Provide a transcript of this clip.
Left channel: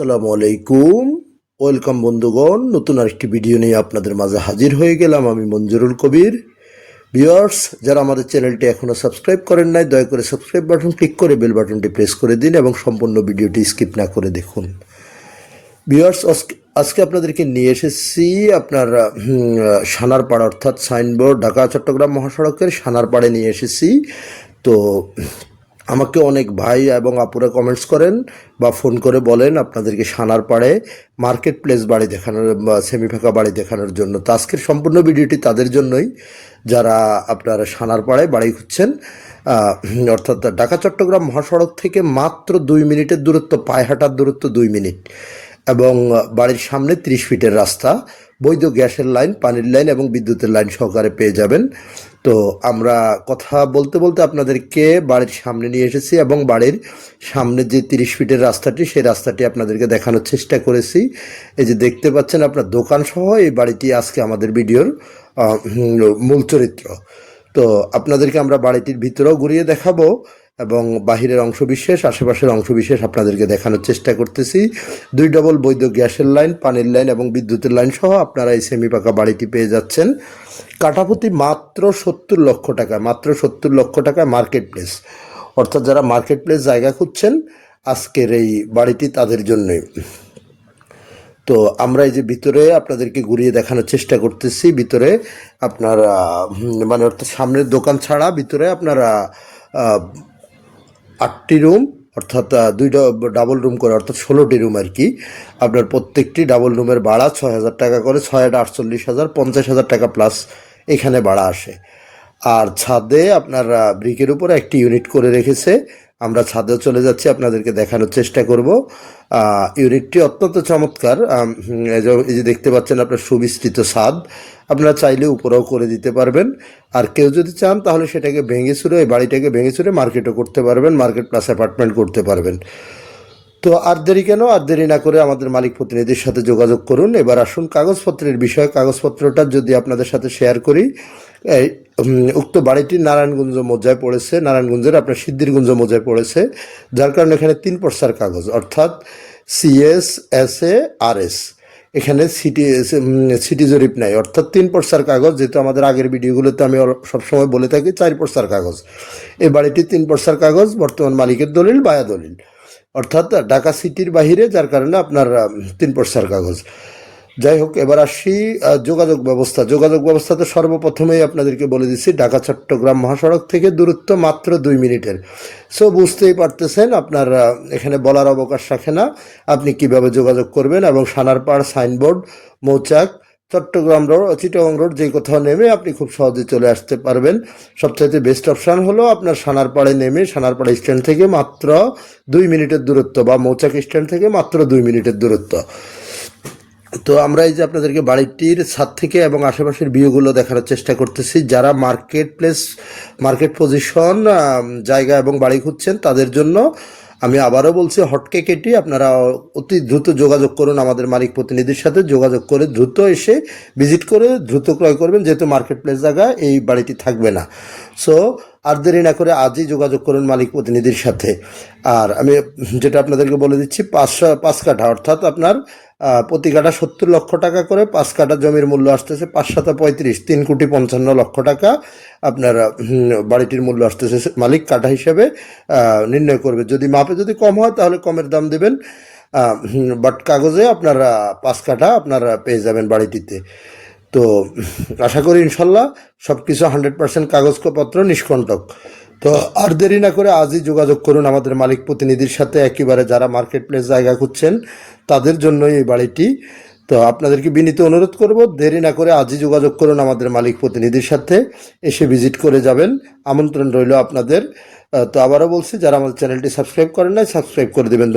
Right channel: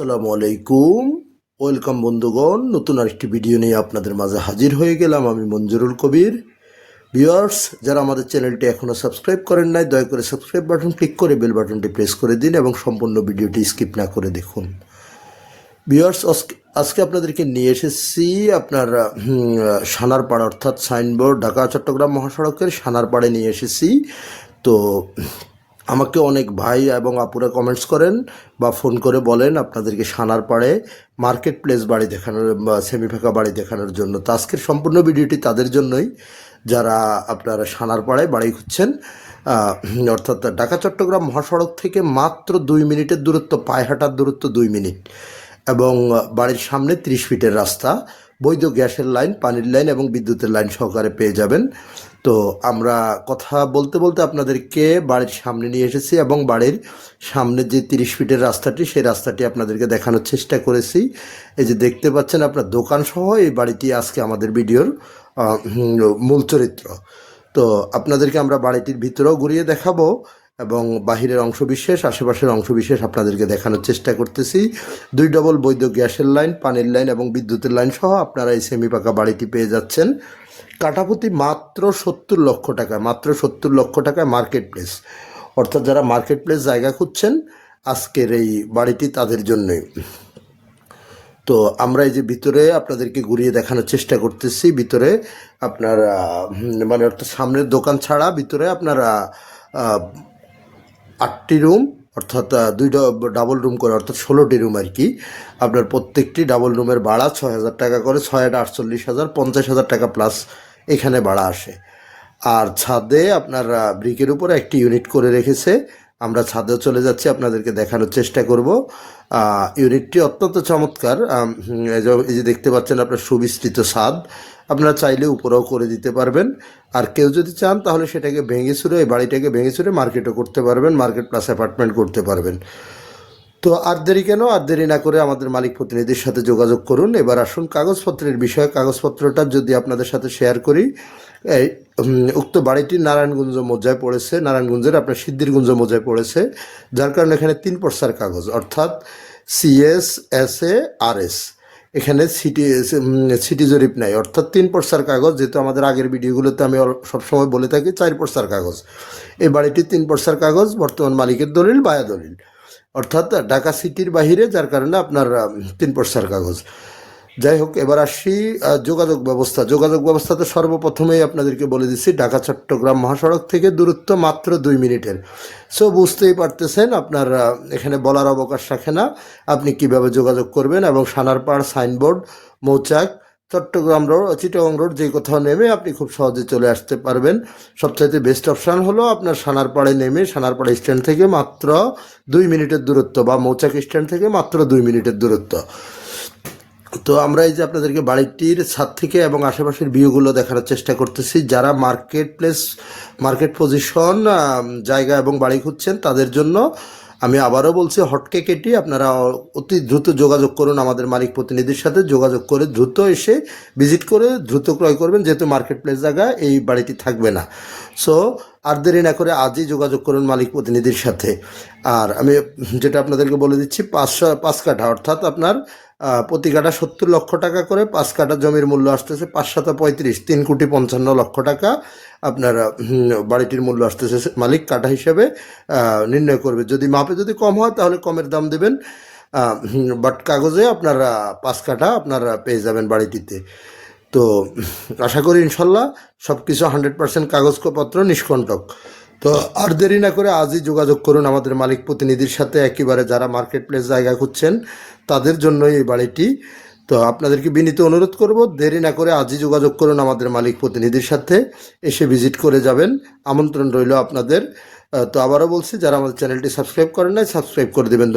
আসসালামু আলাইকুম। ওয়েলকাম বন্ধুগণ, নতুন আরেকটি ভিডিও নিয়ে আপনাদের মাঝে হাজির হয়ে গেলাম। আমি মঞ্জুরুল কবির। ভিউয়ার্স, যারা আমাদের চ্যানেলটি এখনও সাবস্ক্রাইব করেন নাই, দয়া করে সাবস্ক্রাইব বাটন ক্লিক করে বেল বাটনটি প্রেস করে দিন এবং সম্পূর্ণ ভিডিওটি স্কিপ না করে দেখুন। ভিউয়ার্স, আজকে আপনাদেরকে নিয়ে এসেছি আপনার সানারপাড়, অর্থাৎ সাইনবোর্ড, ঢাকা চট্টগ্রাম মহাসড়কের সানারপাড়ে নিয়ে এসেছি। তো আমাকে অনেক ভাই এবং আপুরা কমেন্টস করেন বা ফোন করে বলেন আপনাদেরকে সানারপাড়ে মার্কেট প্লেস বাড়ি দেখানোর বা সেমি ফাঁকা বাড়ি দেখানোর জন্য। তো আজকের সম্পূর্ণ ভিডিওটি তাদের জন্যই, যারা আপনার সানারপাড়ে বাড়ি খুঁজছেন। অর্থাৎ ঢাকা চট্টগ্রাম মহাসড়ক থেকে মাত্র 2 মিনিটের দূরত্ব, পায়ে হাঁটার দূরত্ব 2 মিনিট, এবং বাড়ির সামনে 30 ফিটের রাস্তা, বৈধ গ্যাসের লাইন, পানির লাইন এবং বিদ্যুতের লাইন সহকারে পেয়ে যাবেন। তো আমরা কথা বলতে বলতে আপনাদেরকে বাড়ির সামনে নিয়ে এসেছি এবং বাড়ির সামনে যে 30 ফিটের রাস্তাটি, সেই রাস্তাটি আপনাদেরকে দেখানোর চেষ্টা করেছি। এই যে দেখতে পাচ্ছেন আপনার দোকান সহ এই বাড়িটি আজকে আমাদের ভিডিওর মূল চরিত্র। তো আপনাদেরকে আমরা বাড়িটির ভিতরেও ঘুরিয়ে দেখাবো এবং বাহিরের অংশবিশেষ, আশেপাশের অংশবিশেষ আপনাদেরকে দেখানোর চেষ্টা করতেছি। 2 ডবল বৈধ গ্যাসের লাইন, পানির লাইন এবং বিদ্যুতের লাইন সহ আপনারা এই সেমি পাকা বাড়িটি পেয়ে যাচ্ছেন কাঠাপ্রতি মাত্র 70 লক্ষ টাকা। মাত্র 70 লক্ষ টাকা মার্কেট প্লেস। অর্থাৎ যারা মার্কেট প্লেস জায়গা খুঁজছেন, আজকের এই বাড়িটি তাদের জন্যই। তো আমরা এই যে ভিতরে আপনাদেরকে ঘুরিয়ে দেখানোর চেষ্টা করতেছি। ভিতরে আপনার মানে অর্থাৎ সামনের দোকান ছাড়া ভিতরে আপনার 8টি রুম, অর্থাৎ 2 ডাবল রুম করে, অর্থাৎ 16টি রুম আর কি। আপনার প্রত্যেকটি ডাবল রুমের ভাড়া 6,000 টাকা করে, 6,48,000, 50,000 টাকা প্লাস এখানে ভাড়া আসে। আর ছাদে আপনার ব্রিকের উপরে একটি ইউনিট করে রেখেছে। আমরা ছাদেও চলে যাচ্ছি, আপনাদেরকে দেখানোর চেষ্টা করব। ইউনিটটি অত্যন্ত চমৎকার। এই যে দেখতে পাচ্ছেন আপনার সুবিস্তৃত ছাদ, আপনারা চাইলে উপরেও করে দিতে পারবেন। আর কেউ যদি চান তাহলে সেটাকে ভেঙে চুরে, এই বাড়িটাকে ভেঙে চুরে মার্কেটও করতে পারবেন, মার্কেট প্লাস অ্যাপার্টমেন্ট করতে পারবেন। তো আর দেরি কেন, আর দেরি না করে আমাদের মালিক প্রতিনিধির সাথে যোগাযোগ করুন। এবার আসুন কাগজপত্রের বিষয়ে। কাগজপত্রটা যদি আপনাদের সাথে শেয়ার করি, উক্ত বাড়িটি নারায়ণগঞ্জ মৌজায় পড়েছে, নারায়ণগঞ্জের আপনার সিদ্ধিরগঞ্জ মৌজায় পড়েছে, যার কারণে এখানে 3 পর্সার কাগজ, অর্থাৎ CS, SA, RS। এখানে সিটি জরিপ নাই, অর্থাৎ 3 পর্সার কাগজ। যেহেতু আমাদের আগের ভিডিওগুলোতে আমি সবসময় বলে থাকি 4 পর্সার কাগজ, এই বাড়িটি 3 পর্সার কাগজ, বর্তমান মালিকের দলিল, বায়া দলিল, অর্থাৎ ঢাকা সিটির বাহিরে, যার কারণে আপনার 3 পর্সার কাগজ। যাই হোক, এবার আসি যোগাযোগ ব্যবস্থা। যোগাযোগ ব্যবস্থা তো সর্বপ্রথমেই আপনাদেরকে বলে দিচ্ছি, ঢাকা চট্টগ্রাম মহাসড়ক থেকে দূরত্ব মাত্র 2 মিনিটের। সো বুঝতেই পারতেছেন, আপনার এখানে বলার অবকাশ রাখে না আপনি কিভাবে যোগাযোগ করবেন। এবং সানারপাড়, সাইনবোর্ড, মৌচাক, চট্টগ্রাম রোড, চিটাগং রোড, যে কোথাও নেমে আপনি খুব সহজে চলে আসতে পারবেন। সবচাইতে বেস্ট অপশান হলো আপনার সানারপাড়ে নেমে, সানারপাড়া স্ট্যান্ড থেকে মাত্র 2 মিনিটের দূরত্ব, বা মৌচাক স্ট্যান্ড থেকে মাত্র 2 মিনিটের দূরত্ব। তো আমরা এই যে আপনাদেরকে বাড়িটির ছাদ থেকে এবং আশেপাশের ভিউগুলো দেখানোর চেষ্টা করতেছি। যারা মার্কেট প্লেস, মার্কেট পজিশন জায়গা এবং বাড়ি খুঁজছেন, তাদের জন্য আমি আবারও বলছি, হটকে কেটে আপনারা অতি দ্রুত যোগাযোগ করুন আমাদের মালিক প্রতিনিধির সাথে। যোগাযোগ করে দ্রুত এসে ভিজিট করে দ্রুত ক্রয় করবেন, যেহেতু মার্কেট প্লেস জায়গা এই বাড়িটি থাকবে না। সো আর দেরি না করে আজই যোগাযোগ করুন মালিক প্রতিনিধির সাথে। আর আমি যেটা আপনাদেরকে বলে দিচ্ছি, 5 কাঠা, অর্থাৎ আপনার প্রতি কাঠা 70 লক্ষ টাকা করে। 5 কাঠা জমির মূল্য আসতেছে 5 × 35, 3,55 লক্ষ টাকা আপনার বাড়িটির মূল্য আসতেছে। মালিক কাঠা হিসেবে নির্ণয় করবে, যদি মাপে যদি কম হয় তাহলে কমের দাম দেবেন, বাট কাগজে আপনার 5 কাঠা আপনারা পেয়ে যাবেন বাড়িটিতে। তো আশা করি ইনশাল্লাহ সব কিছু 100% কাগজপত্র নিষ্কণ্টক। তো আর দেরি না করে আজই যোগাযোগ করুন আমাদের মালিক প্রতিনিধির সাথে। একেবারে যারা মার্কেট প্লেস জায়গা খুঁজছেন, তাদের জন্যই এই বাড়িটি। তো আপনাদেরকে বিনীত অনুরোধ করব, দেরি না করে আজই যোগাযোগ করুন আমাদের মালিক প্রতিনিধির সাথে, এসে ভিজিট করে যাবেন। আমন্ত্রণ রইল আপনাদের। তো আবারও বলছি, যারা আমাদের চ্যানেলটি সাবস্ক্রাইব করেন নাই, সাবস্ক্রাইব করে দেবেন।